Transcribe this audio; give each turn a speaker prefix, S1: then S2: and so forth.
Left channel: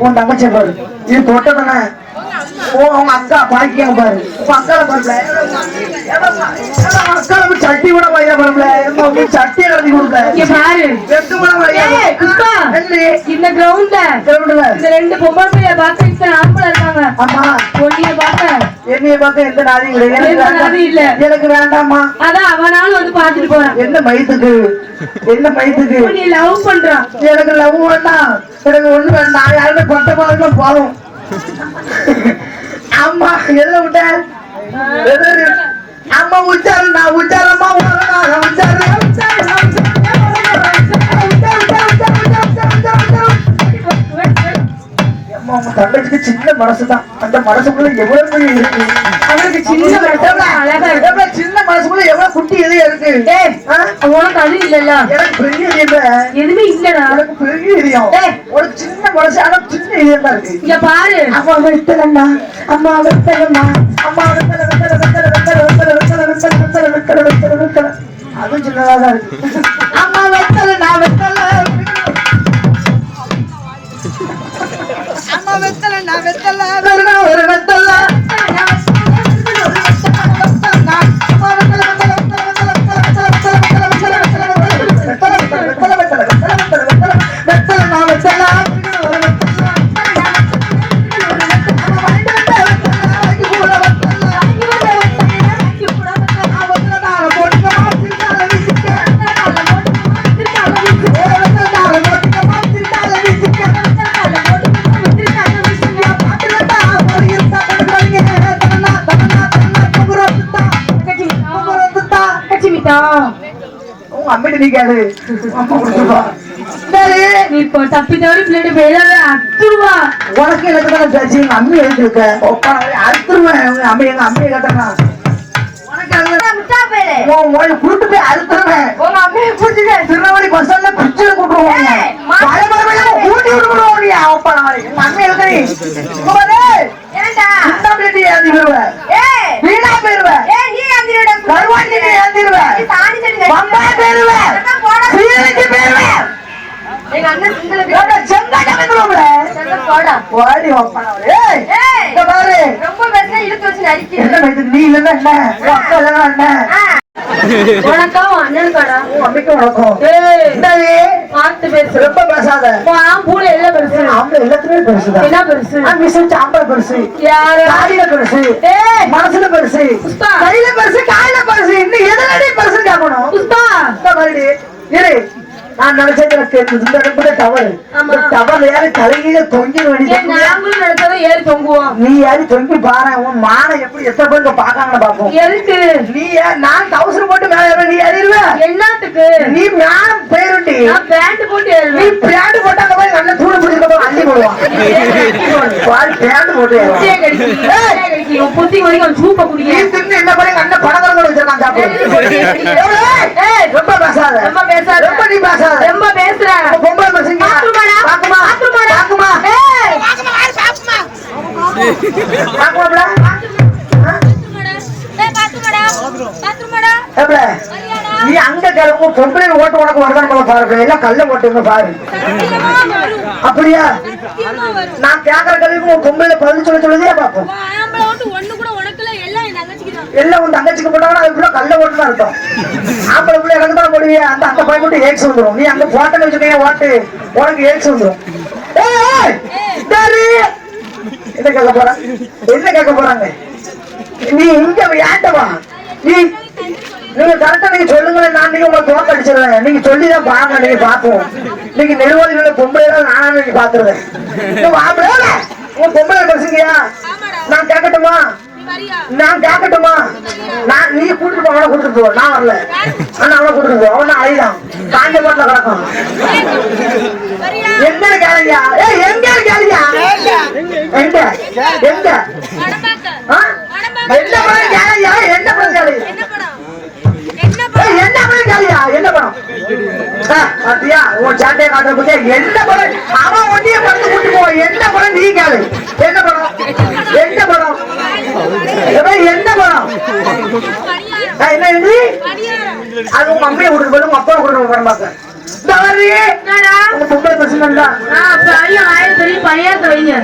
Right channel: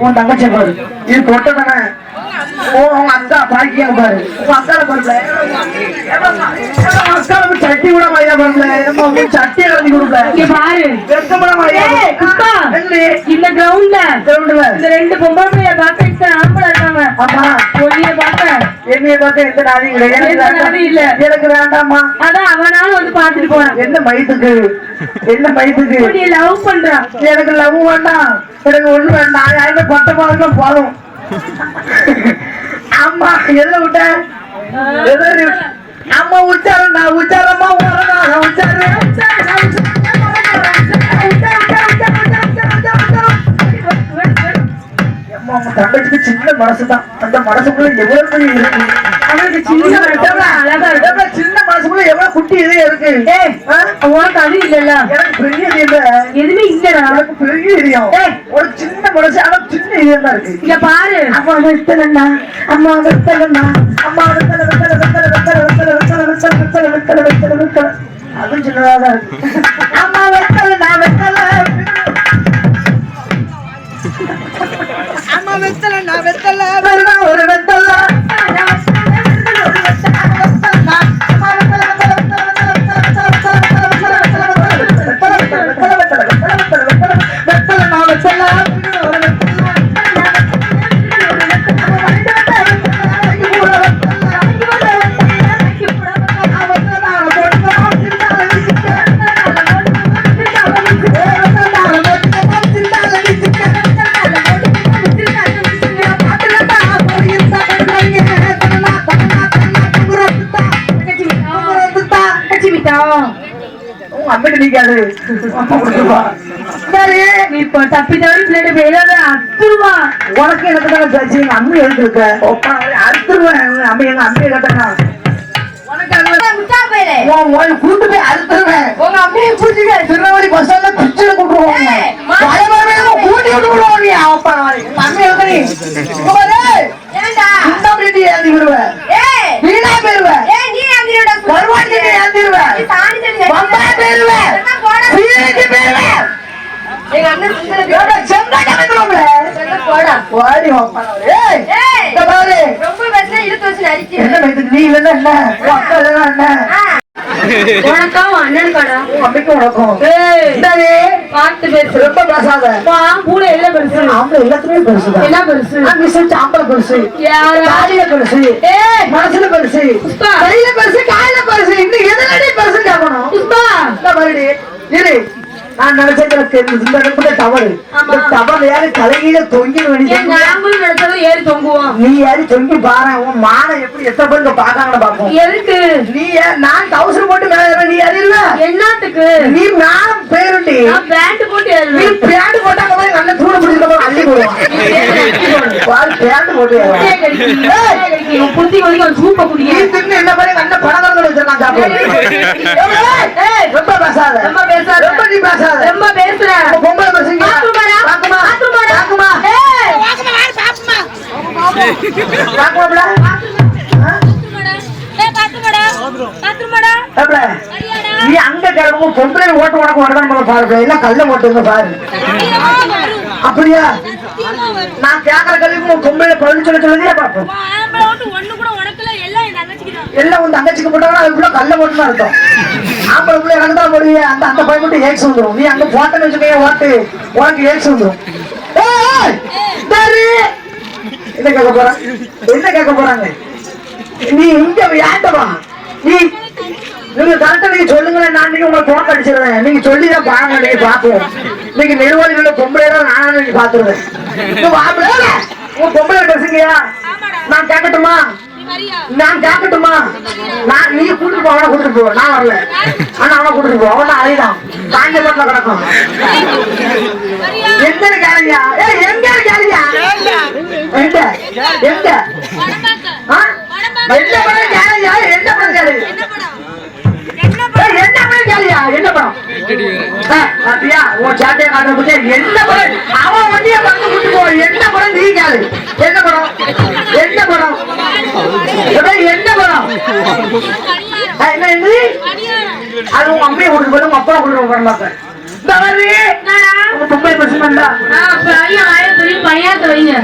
S1: உன் தங்கச்சி பாரு? இது கொட்டவன ஓ அவங்க பாக்கியா பாரு? மசாலா பருப்புல மசாலா சட்டி கூட மையா சட்டி கலந்து கொடுப்பல
S2: இங்க பாரு.
S1: எத்த கூட
S2: இந்த ரெண்டு பொம்பளை பாத்து ஆம்பளை இருக்காங்க.
S1: ஆமா.
S2: பொண்ணிய பார்த்தேன்
S1: என்னைய பார்க்க எந்த நாதியும் இல்லை. எனக்கு வேண்டாம்.
S2: அதான் அவனாலும் வந்து பாத்துட்டு போறான்.
S1: என்ன மயத்துக்கு என்ன மயத்துக்கு
S2: பொண்ணிய லவ் பண்றான்.
S1: எனக்கு லவ் வேண்டாம். எனக்கு ஒண்ணு வேண்டாம். யாருமே பட்டமா இருந்தா போதும் அம்மா எதுல விட்ட? எது அம்மா உச்சாரம் நான் உச்சாரமா உச்சாரம் உச்சாரம் தங்கச்சிக்கு சின்ன மனசுதான் அந்த மனசுக்குள்ள எவ்வளவு இருக்கு
S2: அவனுக்கு சின்ன அழகா இருக்கு
S1: சின்ன மனசுக்குள்ள எவ்வளவு குட்டி இதயம் இருக்கு?
S2: உனக்கு அது இல்லல்ல
S1: எனக்கு பெரிய இதயம்
S2: எதுவுமே இல்லடா
S1: எனக்கு பெரிய இதயம். ஒரு சின்ன மனசு ஆனா சின்ன இதயம் தான் இருக்கு
S2: இங்க பாரு
S1: அம்மா வெத்தலண்ணா அம்மா வெத்தலண்ணா அம்மா வெத்தல வெத்தல வெத்தல வெத்தல வெத்தல வெத்தல வெத்தல வெத்தல வெத்தல வெத்தல வெத்தல அதுவும் சின்னதா தான் இருக்கு அம்மா வெத்தலண்ணா வெத்தல உங்க அம்மிட்டு நிக்காது
S2: நீ இப்போ தப்பி தவறி பிள்ளைட்டு வெளியாத அத்துருவா.
S1: உனக்கு எனக்கு தானே பேச்சு எங்க அம்மி எழுதி இருக்க? ஒப்பா அறுத்துருவேன். எங்க அம்மி எங்க அம்மியை கேட்டா உனக்கு அது கூட்டு போய் அறுத்துருவேன். உங்க அம்மியை கூட்டிட்டு திருநெல்வேலி பஸ் ஸ்டாண்ட்ல பிச்சுல கூட்டுருவாங்க பயபரமே கூட்டி விட்டு விடுவோம் நீ. அப்பா அம்மி எழுதுறீ நீ இல்லைன்னா என்ன? அக்கா இல்லைன்னா என்ன?
S2: உனக்கும் அண்ணனுக்கடா
S1: அம்மைக்கு வணக்கம் என்னது?
S2: பார்த்து பேசு.
S1: ரொம்ப பேசாத.
S2: எல்லாம் பெருசு.
S1: ஆம்பளை எல்லாத்துலயும் பெருசுதான்
S2: என்ன பெருசு?
S1: மிஸ் ஆம்பளை பெருசு? காலில பெருசு. மனசுல பெருசு. கையில பெருசு காலில பெருசு. இன்னும் எதுலடி பெருசு கேட்கணும்
S2: புஷ்பா,
S1: மாதிரி. இரு. நான் தெரிஞ்சது. இந்த இடத்துல டவர் டவர் யாரு தொங்கி
S2: நினைச்சதும் ஏறி தொங்குவோம்.
S1: நீ யாரு தொங்கி பாரு உன் மானை எப்படி எத்தனை பேருக்கு பாக்காங்கன்னு பாப்போம்
S2: எதுக்கு?
S1: நீ ஏன் நான் டவுசர் போட்டு மேல நீ அறிவ
S2: என்னத்துக்கு?
S1: நீ மேல பேருண்டி
S2: நான் பேண்ட் போட்டு
S1: நீ
S2: ஏறுவேன்
S1: பேண்ட் போட்டாங்க போய் நல்ல தூடு பிடிக்கிறப்ப அள்ளி போடுவான். சேர்ந்து போட்டு
S2: புத்தி குடிக்கும் சூப்பை குடிக்கும்
S1: தின்னு என்ன பண்ணி அந்த பழக்கம் கூட நீ பாக்குமா பாக்குமா பாக்குமா பாக்குமாடா நீ அங்க கிளம்பு பொம்பளை ஓட்டு உனக்கு வருதான் பாருங்க இல்ல கல்ல ஓட்டுங்க பாரு. அப்படியா? நான் கேக்குற கல்விக்கு உன் பொம்பளை பதில் சொல்ல சொல்லுதே பாப்போம் எல்லாம் உன் தங்கச்சிக்கு போட்டா அதுக்குள்ள கல்ல ஓட்டுன்னு அர்த்தம் ஆம்பளை பிள்ளை எனக்கு தான் அந்த அந்த பையன் மட்டும் ஏக்ஸ் வந்துடும் நீ அங்க போட்டேன்னு வச்சுக்கோங்க ஓட்டு. உனக்கு ஏக்ஸ் வந்துடும் ஏய். என்ன கேட்க போறான் என்ன கேட்க போறாங்க? நீ இங்க யாண்டவா நீ நீங்க கரெக்டா நீங்க சொல்லுங்க நான் நீங்க உங்களை தோக்க அடிச்சிருவேன் நீங்க சொல்லிதான் பாருங்க நீங்க பாப்போம் நீங்க நெடுவாளிகளை பொம்பளை நானும் நீங்க பாத்துருவேன் நீ வாப்பல உங்க பொம்பளை பேசுங்கயா நான் கேட்கட்டுமா? நான் கேட்கட்டுமா? நான் நீ கூட்டிட்டு போ அவனை கூட்டிட்டு போ. நான் வரல. ஆனா அவனை கூட்டிட்டு போ. அவன் அழிதான் காய்ந்த போட்டுல கிடக்கும். எங்க இருக்காருயா ஏய் எங்க இருக்காருயா எங்க? எங்க? பாத்தியா உன் சாட்டையை காட்ட போதே என்ன படம்? அவன் வண்டியை படத்து கூட்டிட்டு என்ன படம்? நீ கேளு. என்ன படம்? என்ன படம்? என்ன படம்? ஆ, என்ன இது? அது உங்க அம்மையை கூட்டிட்டு போய் உங்க அப்பா கூட்டிட்டு போய் பார்க்க தவறு பொம்பளை பசங்க தான்
S2: ஐயா ஆயிரத்தி பையன் வைங்க.